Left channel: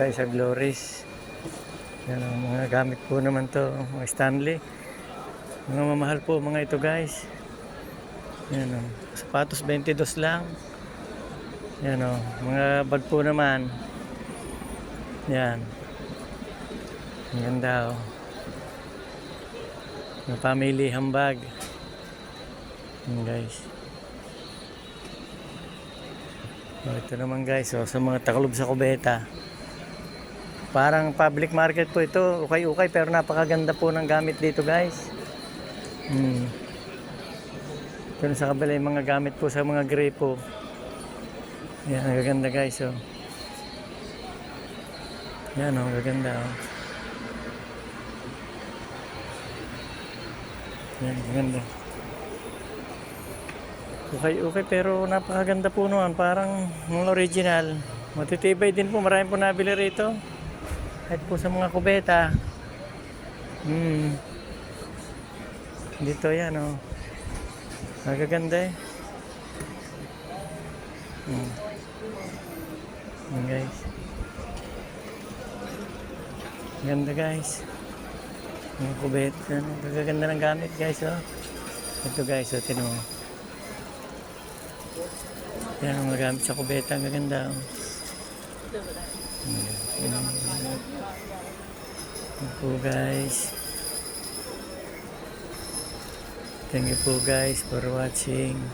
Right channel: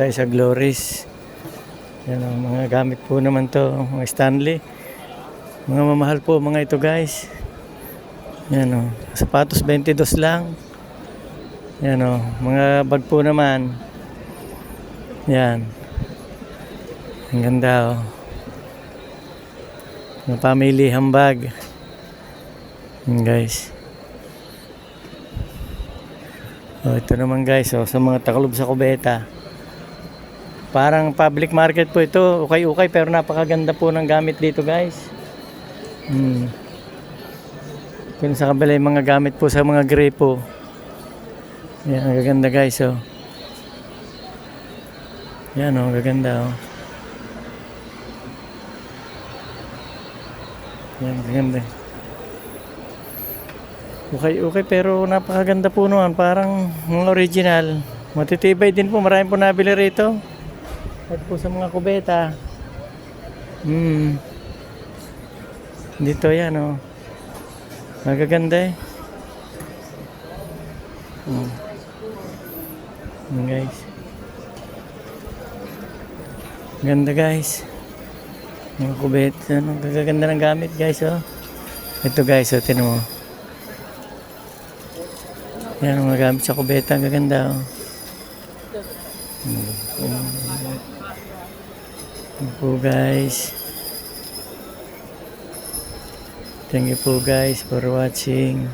tayo sa Glories. Yan o, mga gamit po naman to, mga Stanley. Mga mamahal po mga ito guys. Yan o, sapatos 22 lang. Yan o, mga bag po naman. Yan. Ang ganda o. Mga family handbag. Yan guys. O, ito naman guys o, sa mga taklob sa kubeta. Parang public market po ito, ukay-ukay, pero napakaganda po ng gamit dito guys. Kung sa kabila yung mga gamit po sa mga gripo. Yan, ang gaganda guys oh. Yan oh, gaganda oh. Yan, gaganda. Okay, pero napakaganda po naman, parang mga original. Matitibay din po, marami po nabili rito. Kahit po sa mga kubeta. Dito yan oh. Magaganda eh. Guys. Ganda guys. Mga kubeta. Ano, gaganda ng gamit guys oh. Ito guys oh, tinan mo. Yan mga gamit sa kubeta, gaganda oh. Po guys, thank you po guys for watching.